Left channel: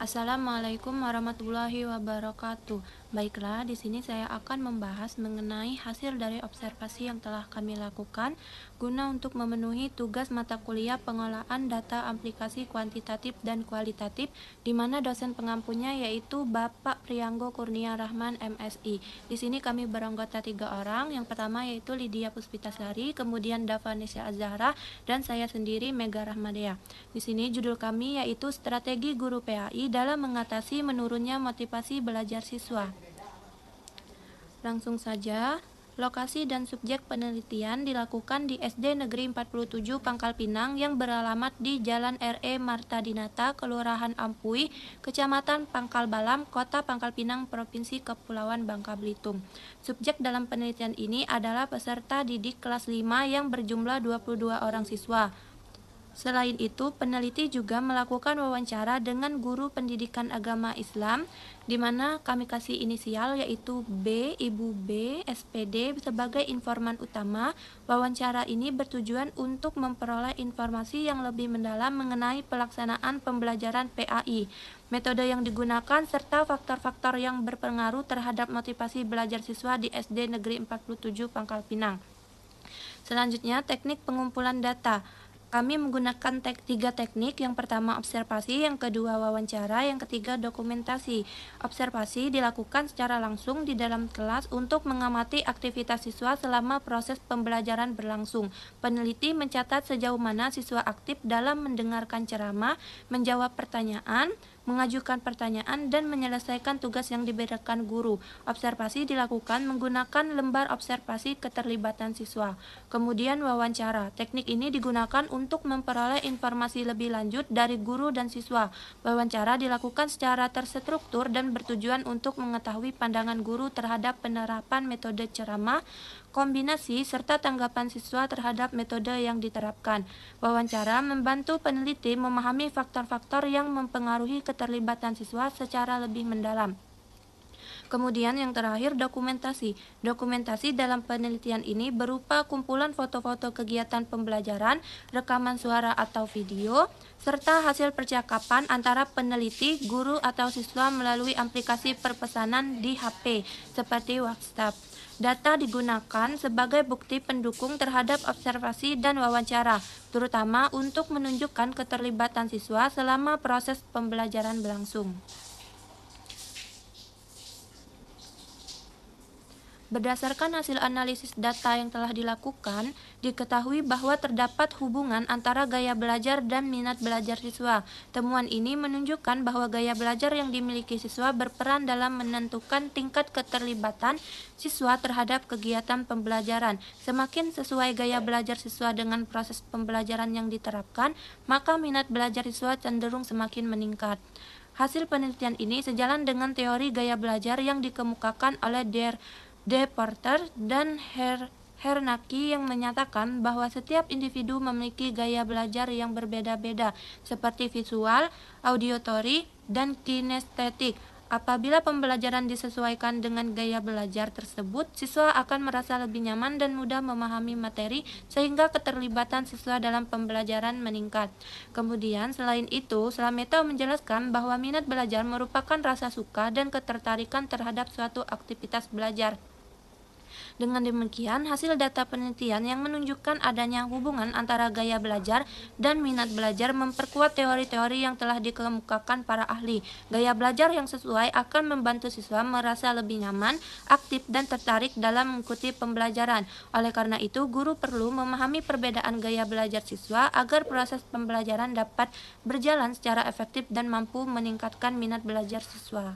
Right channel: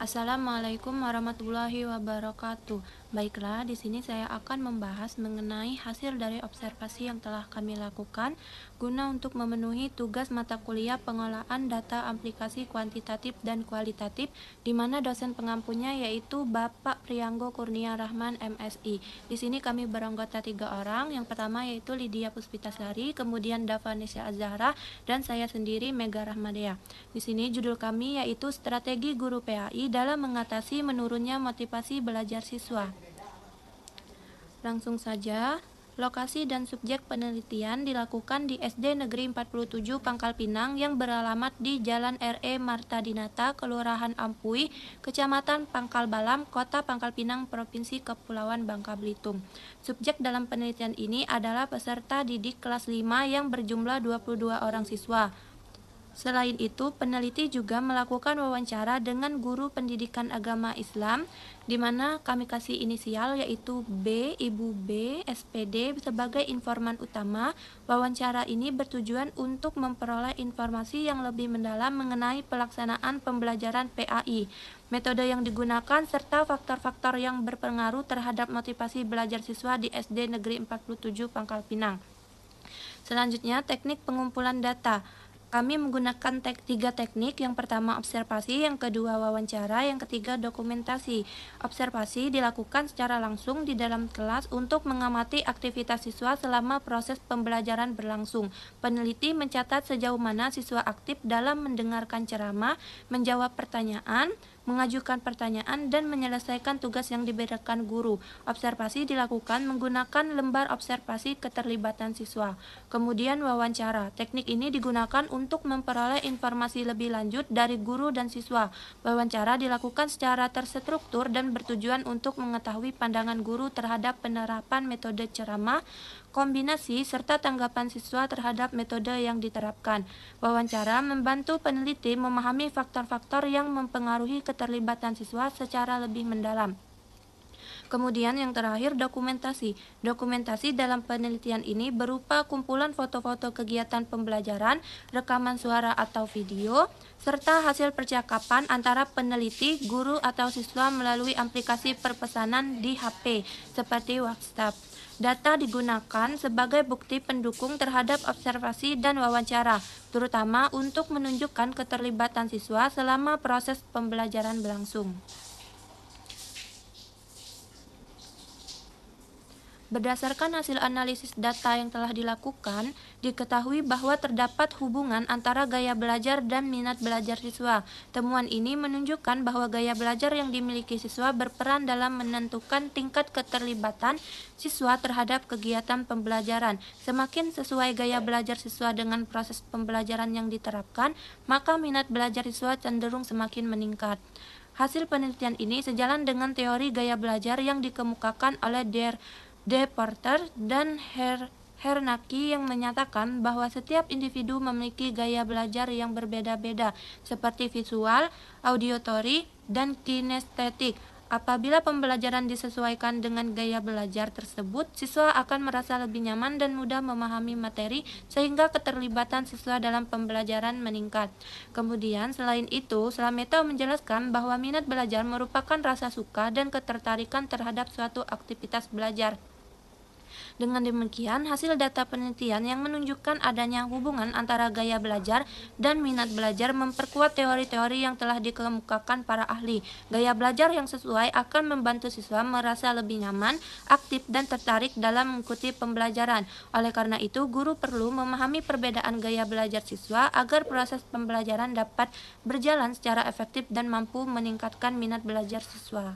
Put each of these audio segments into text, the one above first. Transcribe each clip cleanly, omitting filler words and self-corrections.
Assalamualaikum warahmatullahi wabarakatuh. Baiklah, di sini saya akan membahas mengenai hasil dari observasi yang telah kami lakukan guna untuk memenuhi tugas mata kuliah pengelolaan data aplikasi kuantitatif dan kualitatif, di mana dosen pengampunya yaitu Bapak Prianggo Kurnia Rahman MSI. Di sini kami beranggota 3 orang. Yang pertama yaitu Lydia Puspitasari, kemudian Davanesya Azahra, dan saya sendiri Mega Rahmadea. Di sini judul kami yaitu Strategi Guru PAI dalam mengatasi menurunnya motivasi belajar siswa. Langsung saja, lokasi dan subjek penelitian dilakukan di SD Negeri 47 Pangkal Pinang yang beralamat di Jalan R.E. Marta Dinata, Kelurahan Ampui, Kecamatan Pangkal Balam, Kota Pangkal Pinang, Provinsi Kepulauan Bangka Belitung. Subjek dalam penelitian ini adalah peserta didik kelas 5 yang berjumlah 22 orang siswa. Selain itu, peneliti juga melakukan wawancara dengan guru pendidikan agama Islam, di mana kami kasih inisial yaitu B, Ibu B, SPD sebagai informan utama. Wawancara ini bertujuan untuk memperoleh informasi yang lebih mendalam mengenai pelaksanaan pembelajaran PAI, metode yang digunakan, serta faktor-faktor yang berpengaruh terhadap motivasi belajar siswa di SD Negeri 47 Pangkal Pinang. Selanjutnya, teknik pengumpulan data. Kami menggunakan 3 teknik, yang pertama observasi, yang kedua wawancara, yang ketiga dokumentasi. Observasi dilakukan secara langsung di dalam kelas untuk mengamati aktivitas siswa selama proses pembelajaran berlangsung. Peneliti mencatat sejauh mana siswa aktif dalam mendengarkan ceramah, menjawab pertanyaan, mengajukan pertanyaan, dan menyelesaikan tugas yang diberikan guru. Observasi dilakukan menggunakan lembar observasi keterlibatan siswa. Kemudian wawancara. Teknik ini digunakan untuk memperoleh informasi lebih lanjut dari guru dan siswa. Wawancara dilakukan secara terstruktur dan bertujuan untuk mengetahui pandangan guru terhadap penerapan metode ceramah, kombinasi, serta tanggapan siswa terhadap metode yang diterapkan. Wawancara membantu peneliti memahami faktor-faktor yang mempengaruhi keterlibatan siswa secara lebih mendalam. Kemudian yang terakhir, dokumentasi. Dokumentasi dalam penelitian ini berupa kumpulan foto-foto kegiatan pembelajaran, rekaman suara atau video, serta hasil percakapan antara peneliti, guru, atau siswa melalui aplikasi perpesanan di HP seperti WhatsApp. Data digunakan sebagai bukti pendukung terhadap observasi dan wawancara, terutama untuk menunjukkan keterlibatan siswa selama proses pembelajaran berlangsung. Berdasarkan hasil analisis data yang telah dilakukan, diketahui bahwa terdapat hubungan antara gaya belajar dan minat belajar siswa. Temuan ini menunjukkan bahwa gaya belajar yang dimiliki siswa berperan dalam menentukan tingkat keterlibatan siswa terhadap kegiatan pembelajaran. Semakin sesuai gaya belajar siswa dengan proses pembelajaran yang diterapkan, maka minat belajar siswa cenderung semakin meningkat. Hasil penelitian ini sejalan dengan teori gaya belajar yang dikemukakan oleh De Porter dan Hernaki, yang menyatakan bahwa setiap individu memiliki gaya belajar yang berbeda-beda, seperti visual, auditory, dan kinestetik. Apabila pembelajaran disesuaikan dengan gaya belajar tersebut, siswa akan merasa lebih nyaman dan mudah memahami materi, sehingga keterlibatan siswa dalam pembelajaran meningkat. Kemudian, selain itu, Slameto menjelaskan bahwa minat belajar merupakan rasa suka dan ketertarikan terhadap suatu aktivitas belajar. Dengan demikian, hasil data penelitian yang menunjukkan adanya hubungan antara gaya belajar dan minat belajar memperkuat teori-teori yang telah dikemukakan para ahli. Gaya belajar yang sesuai akan membantu siswa merasa lebih nyaman, aktif, dan tertarik dalam mengikuti pembelajaran. Oleh karena itu, guru perlu memahami perbedaan gaya belajar siswa agar proses pembelajaran dapat berjalan secara efektif dan mampu meningkatkan minat belajar siswa.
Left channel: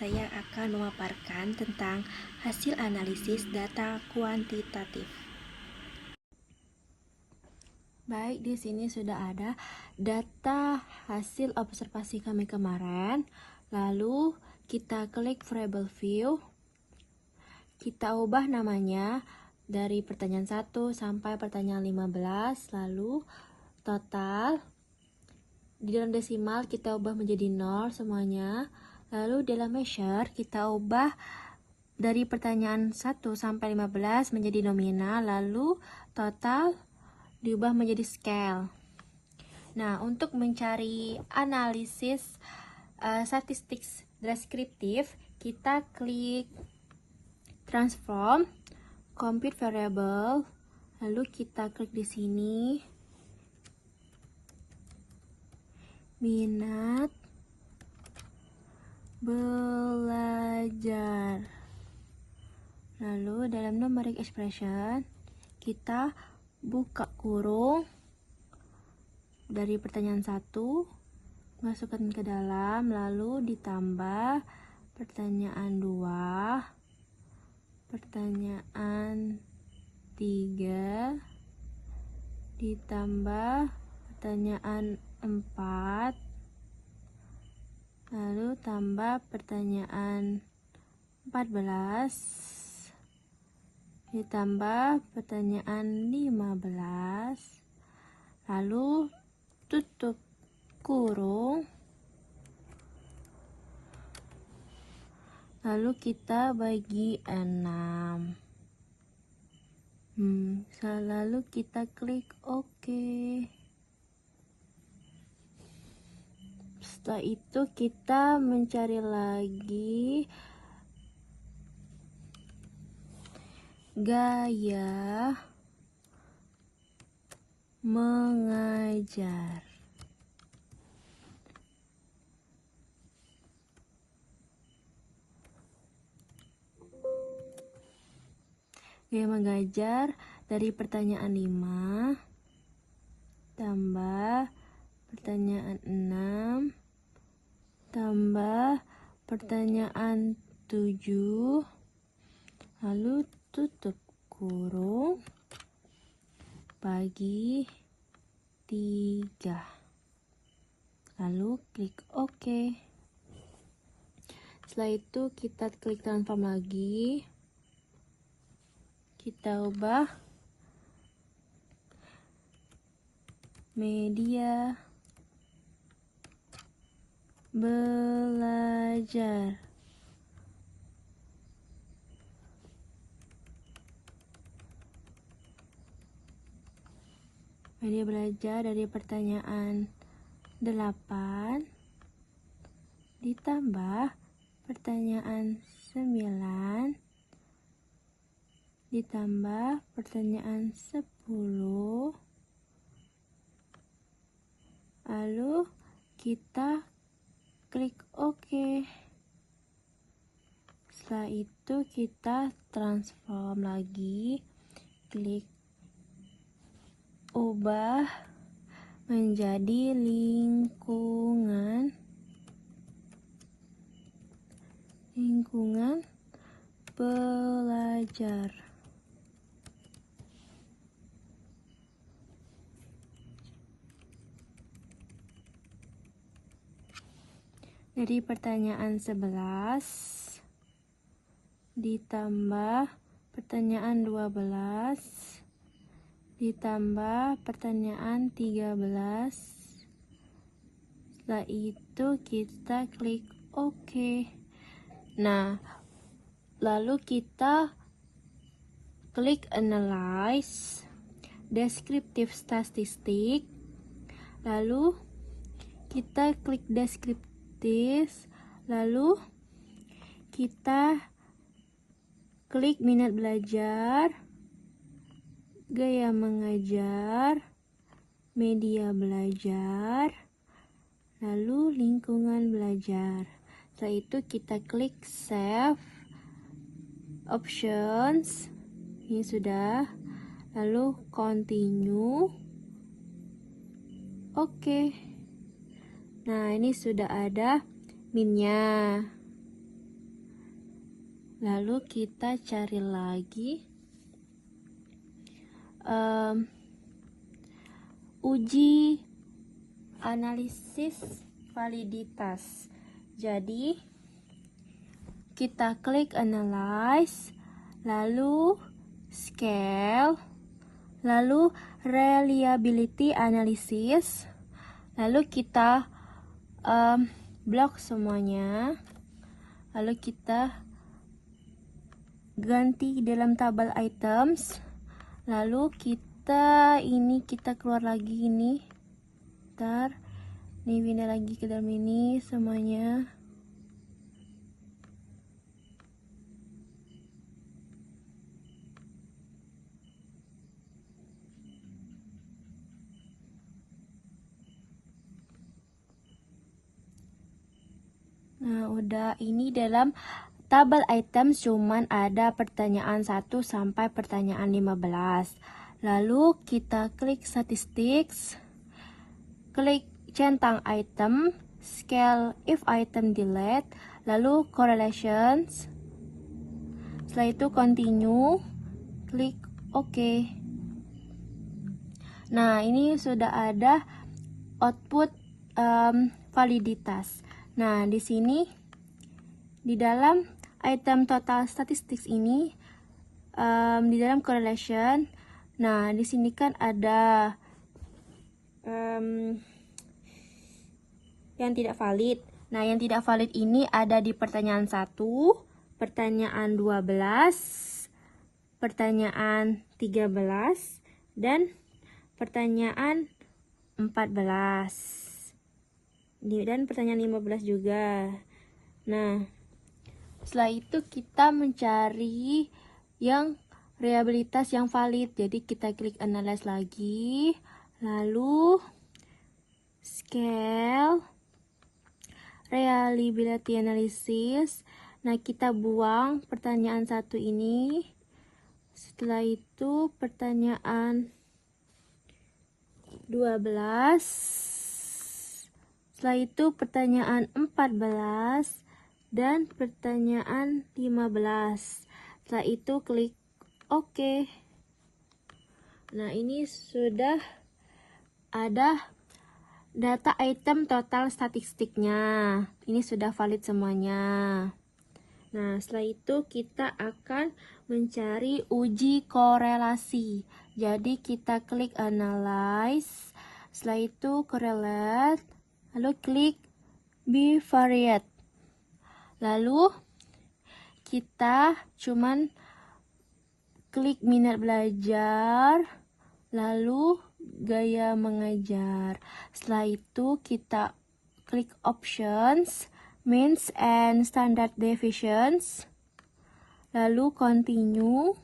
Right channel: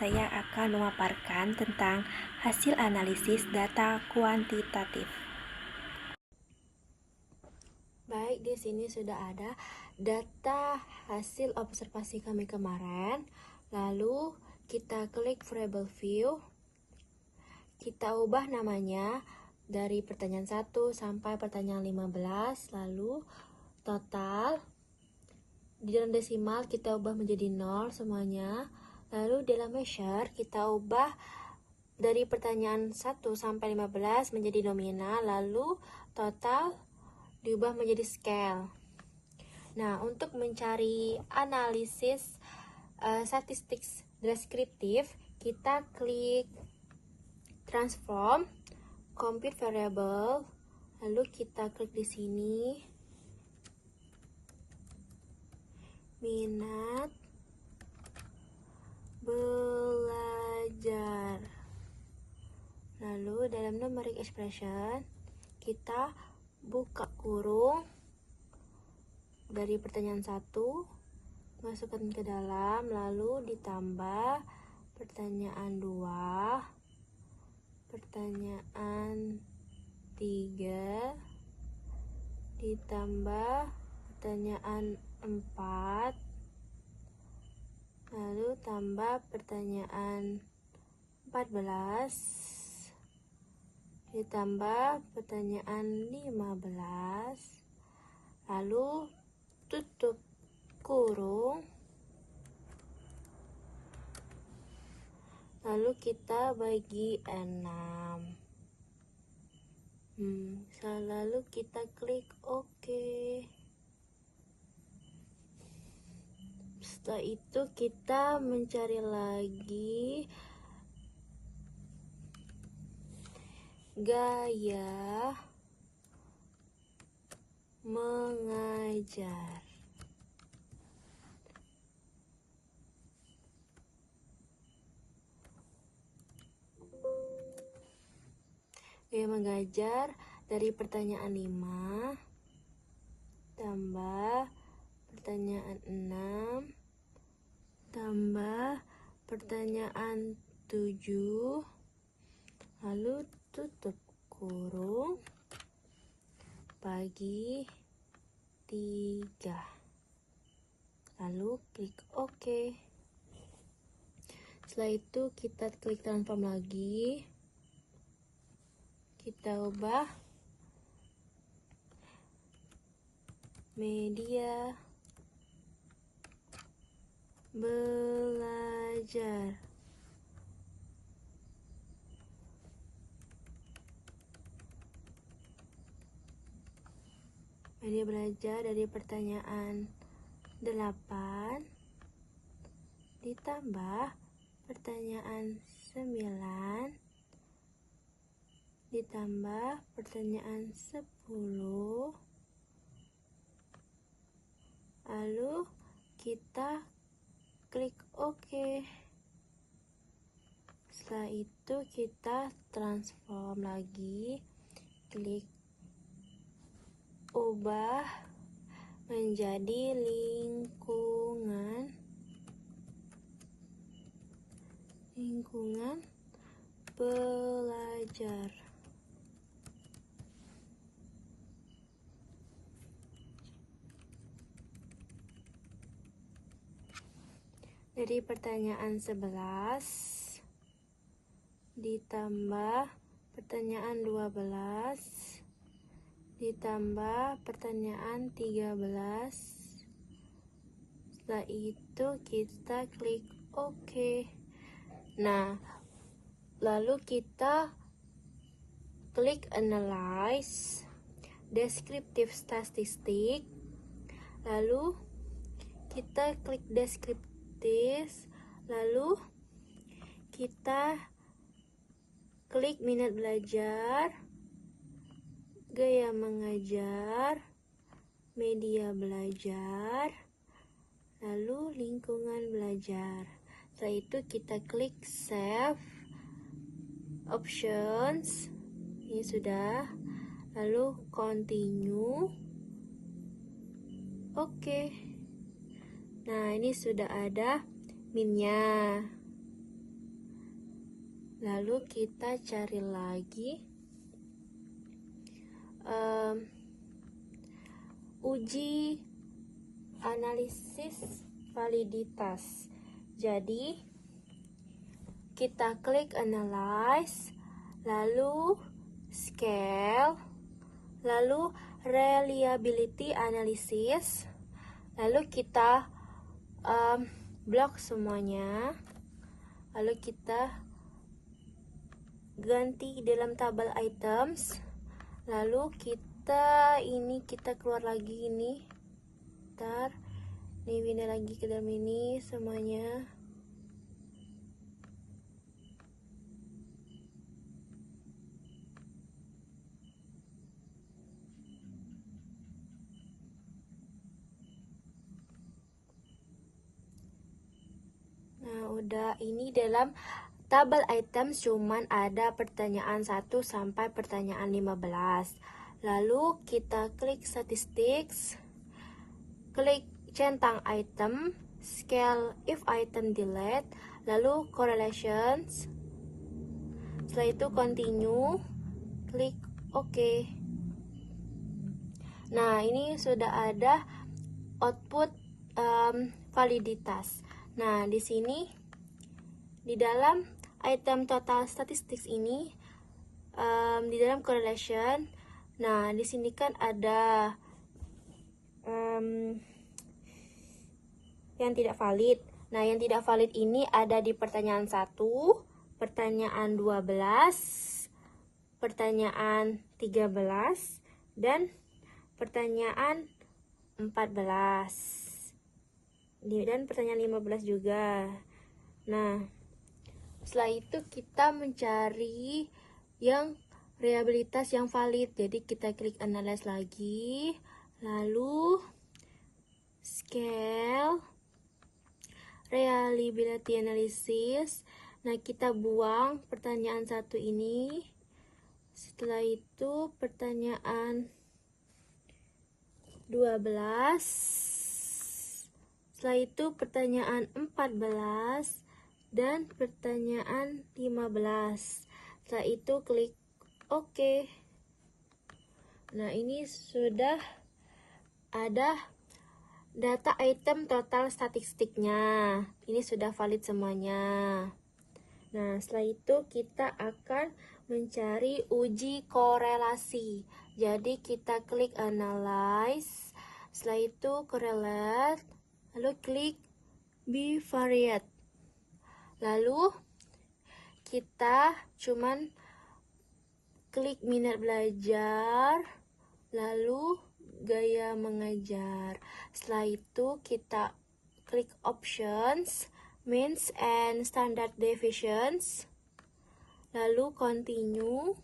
Saya akan memaparkan tentang hasil analisis data kuantitatif. Baik, di sini sudah ada data hasil observasi kami kemarin. Lalu kita klik variable view. Kita ubah namanya dari pertanyaan 1 sampai pertanyaan 15. Lalu total di dalam desimal kita ubah menjadi 0 semuanya. Lalu dalam measure kita ubah dari pertanyaan 1 sampai 15 menjadi nominal, lalu total diubah menjadi scale. Nah, untuk mencari analisis statistik deskriptif, kita klik transform, compute variable, lalu kita klik di sini minat belajar. Lalu dalam numeric expression kita buka kurung dari pertanyaan 1, masukkan ke dalam, lalu ditambah pertanyaan 2, pertanyaan 3, ditambah pertanyaan 4, lalu tambah pertanyaan 14, ditambah pertanyaan 15, lalu tutup kurung, lalu kita bagi 6. Lalu kita klik OK. Setelah itu kita mencari lagi gaya mengajar. Gaya mengajar dari pertanyaan 5 tambah pertanyaan 6 tambah pertanyaan 7, lalu tutup kurung, bagi 3, lalu klik OK. Setelah itu kita klik transform lagi, kita ubah media belajar. Media belajar dari pertanyaan 8 ditambah pertanyaan 9 ditambah pertanyaan 10, lalu kita klik OK. Setelah itu kita transform lagi, klik ubah menjadi lingkungan belajar. Dari pertanyaan 11 ditambah pertanyaan 12 ditambah pertanyaan 13. Setelah itu kita klik OK. Nah, lalu kita klik analyze descriptive statistic, lalu kita klik descriptive, lalu kita klik minat belajar, gaya mengajar, media belajar, lalu lingkungan belajar. Setelah itu kita klik save options, ini sudah, lalu continue, oke. Nah, ini sudah ada minnya. Lalu kita cari lagi uji analisis validitas. Jadi kita klik analyze, lalu scale, lalu reliability analysis, lalu kita blok semuanya, lalu kita ganti dalam tabel items, lalu kita keluar lagi ini, sebentar. Nih pindah lagi ke dalam ini semuanya. Nah, udah. Ini dalam tabel item cuman ada pertanyaan 1 sampai pertanyaan 15. Lalu kita klik statistics, klik centang item, scale if item delete, lalu correlations. Setelah itu continue, klik OK. Nah, ini sudah ada output validitas. Nah, di sini di dalam item total statistics ini, di dalam correlation, nah di sini kan ada yang tidak valid. Nah, yang tidak valid ini ada di pertanyaan 1, pertanyaan 12, pertanyaan 13, dan pertanyaan 14. Dan pertanyaan 15 juga. Nah, setelah itu kita mencari yang reliabilitas yang valid. Jadi kita klik analyze lagi, lalu scale reliability analysis. Nah, kita buang pertanyaan 1 ini. Setelah itu pertanyaan 12. Setelah itu pertanyaan 14 dan pertanyaan 15. Setelah itu klik OK. Nah, ini sudah ada data item total statistiknya. Ini sudah valid semuanya. Nah, setelah itu kita akan mencari uji korelasi. Jadi kita klik analyze, setelah itu correlate, lalu klik bivariate. Lalu kita cuman klik minat belajar, lalu gaya mengajar. Setelah itu kita klik options, means and standard deviations, lalu continue.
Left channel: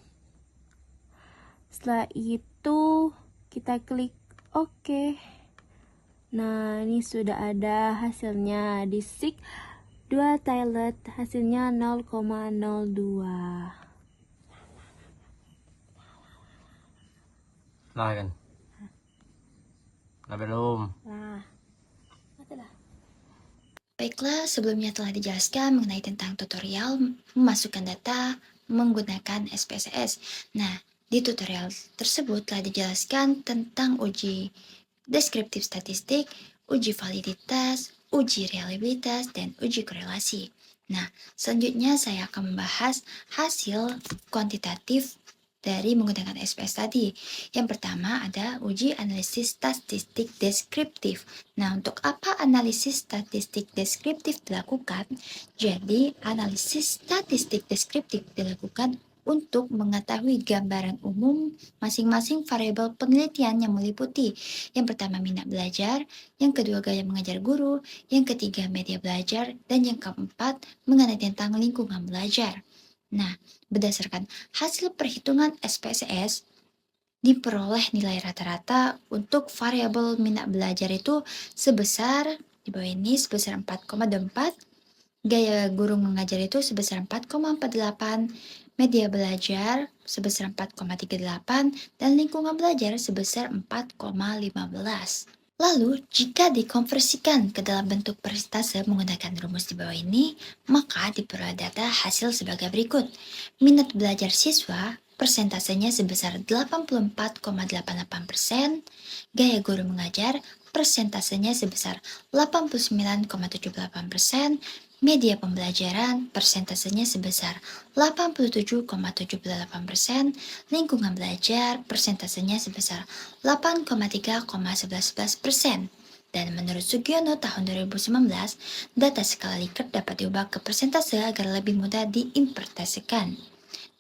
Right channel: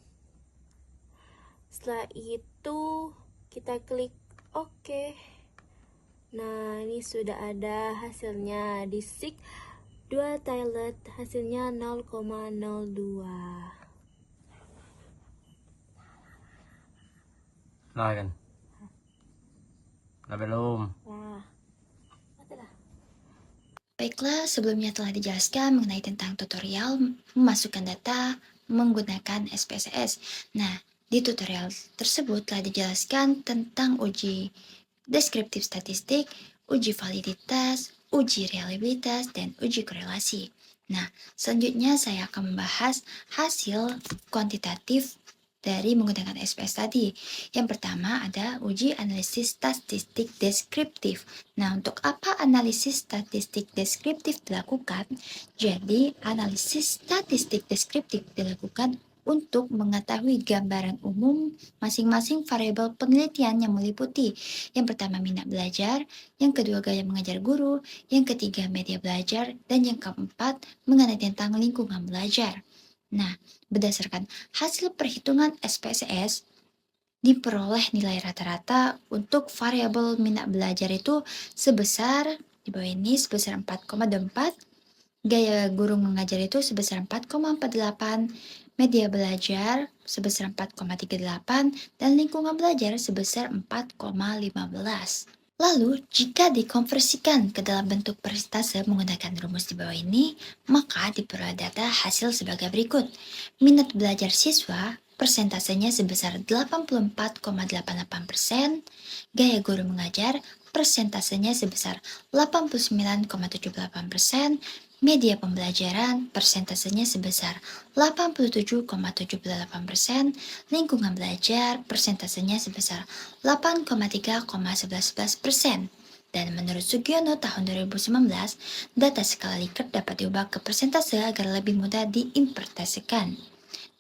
Setelah itu kita klik OK. Nah, ini sudah ada hasilnya. Di SIG 2 toilet hasilnya 0,02. Nah kan? Nah belum. Nah, Baiklah, sebelumnya telah dijelaskan mengenai tentang tutorial memasukkan data menggunakan SPSS. Nah, di tutorial tersebut telah dijelaskan tentang uji deskriptif statistik, uji validitas, uji reliabilitas, dan uji korelasi. Nah, selanjutnya saya akan membahas hasil kuantitatif dari menggunakan SPS tadi. Yang pertama ada uji analisis statistik deskriptif. Nah, untuk apa analisis statistik deskriptif dilakukan? Jadi, analisis statistik deskriptif dilakukan untuk mengetahui gambaran umum masing-masing variabel penelitian yang meliputi yang pertama minat belajar, yang kedua gaya mengajar guru, yang ketiga media belajar, dan yang keempat mengenai tentang lingkungan belajar. Nah, berdasarkan hasil perhitungan SPSS, diperoleh nilai rata-rata untuk variabel minat belajar itu sebesar, di bawah ini sebesar 4,24, gaya guru mengajar itu sebesar 4,48, media belajar sebesar 4,38, dan lingkungan belajar sebesar 4,15. Lalu, jika dikonversikan ke dalam bentuk persentase menggunakan rumus di bawah ini, maka diperoleh data hasil sebagai berikut. Minat belajar siswa persentasenya sebesar 84,88%, gaya guru mengajar persentasenya sebesar 89,78%, media pembelajaran persentasenya sebesar 87,78%, lingkungan belajar persentasenya sebesar 8,3,11%. Dan menurut Sugiono tahun 2019, data skala Likert dapat diubah ke persentase agar lebih mudah diinterpretasikan.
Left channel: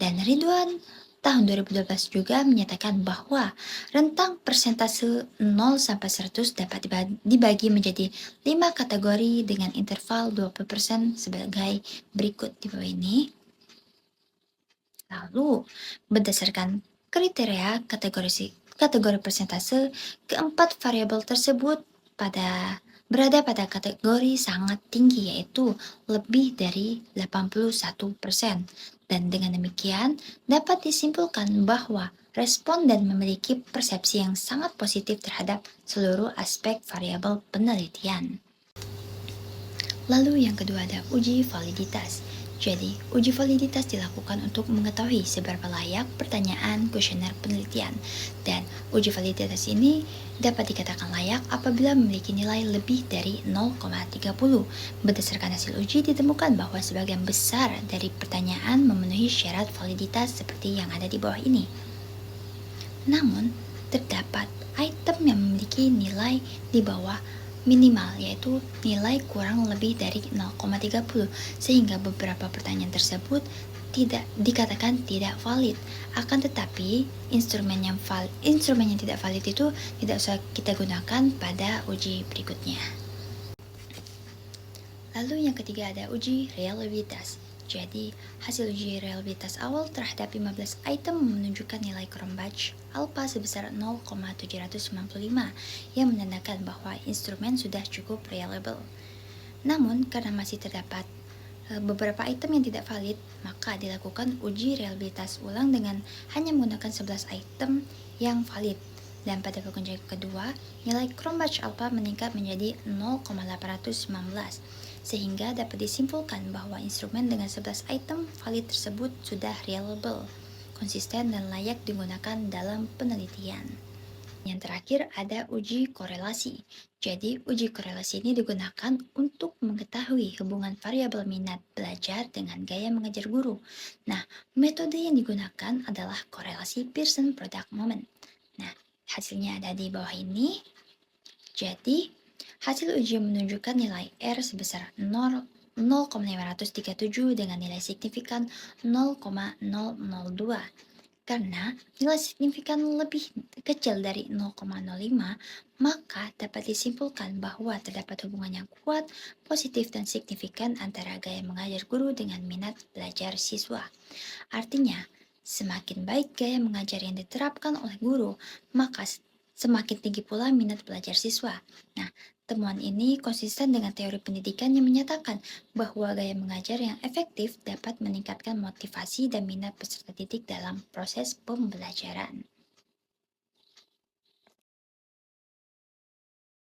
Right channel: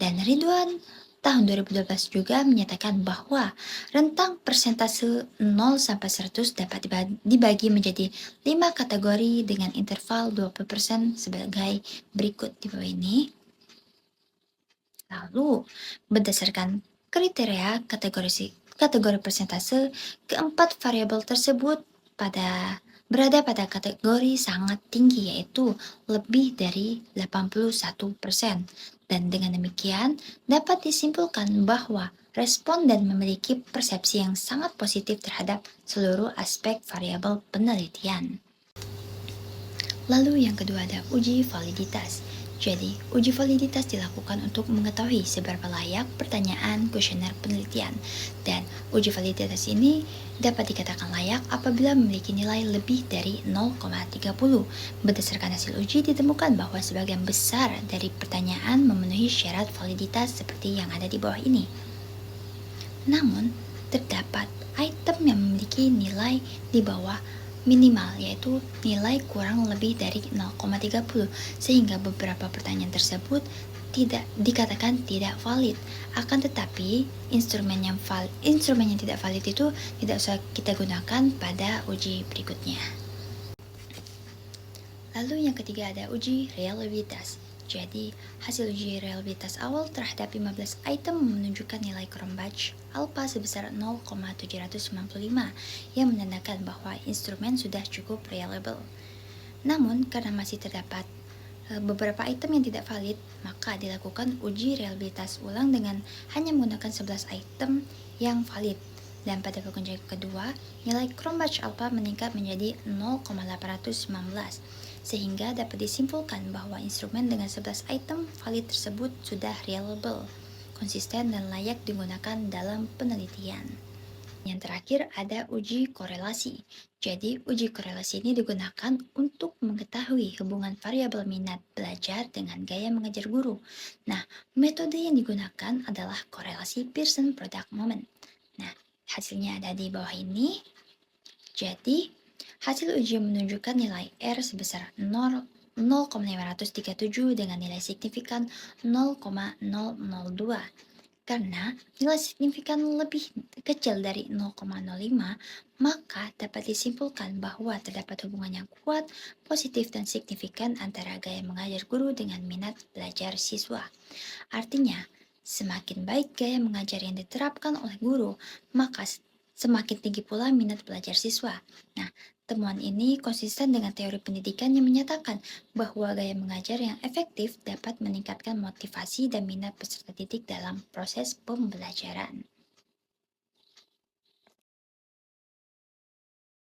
Dan Ridwan tahun 2012 juga menyatakan bahwa rentang persentase 0 sampai 100 dapat dibagi menjadi 5 kategori dengan interval 20% sebagai berikut di bawah ini. Lalu, berdasarkan kriteria kategori persentase, keempat variabel tersebut berada pada kategori sangat tinggi, yaitu lebih dari 81%. Dan dengan demikian, dapat disimpulkan bahwa responden memiliki persepsi yang sangat positif terhadap seluruh aspek variabel penelitian. Lalu yang kedua ada uji validitas. Jadi, uji validitas dilakukan untuk mengetahui seberapa layak pertanyaan kuesioner penelitian. Dan uji validitas ini dapat dikatakan layak apabila memiliki nilai lebih dari 0,30. Berdasarkan hasil uji ditemukan bahwa sebagian besar dari pertanyaan memenuhi syarat validitas seperti yang ada di bawah ini. Namun, terdapat item yang memiliki nilai di bawah minimal, yaitu nilai kurang lebih dari 0,30, sehingga beberapa pertanyaan tersebut tidak dikatakan tidak valid. Akan tetapi, instrumen yang tidak valid itu tidak usah kita gunakan pada uji berikutnya. Lalu yang ketiga ada uji reliabilitas. Jadi, hasil uji reliabilitas awal terhadap 15 item menunjukkan nilai Cronbach alpha sebesar 0,795 yang menandakan bahwa instrumen sudah cukup reliable. Namun, karena masih terdapat beberapa item yang tidak valid, maka dilakukan uji reliabilitas ulang dengan hanya menggunakan 11 item yang valid. Dan pada pengujian kedua, nilai Cronbach alpha meningkat menjadi 0,819, sehingga dapat disimpulkan bahwa instrumen dengan 11 item valid tersebut sudah reliable, konsisten, dan layak digunakan dalam penelitian. Yang terakhir ada uji korelasi. Jadi, uji korelasi ini digunakan untuk mengetahui hubungan variabel minat belajar dengan gaya mengajar guru. Nah, metode yang digunakan adalah korelasi Pearson Product Moment. Nah, hasilnya ada di bawah ini. Jadi, hasil uji menunjukkan nilai R sebesar 0,537 dengan nilai signifikan 0,002. Karena nilai signifikan lebih kecil dari 0,05, maka dapat disimpulkan bahwa terdapat hubungan yang kuat, positif, dan signifikan antara gaya mengajar guru dengan minat belajar siswa. Artinya, semakin baik gaya mengajar yang diterapkan oleh guru, maka semakin tinggi pula minat belajar siswa. Nah, temuan ini konsisten dengan teori pendidikan yang menyatakan bahwa gaya mengajar yang efektif dapat meningkatkan motivasi dan minat peserta didik dalam proses pembelajaran.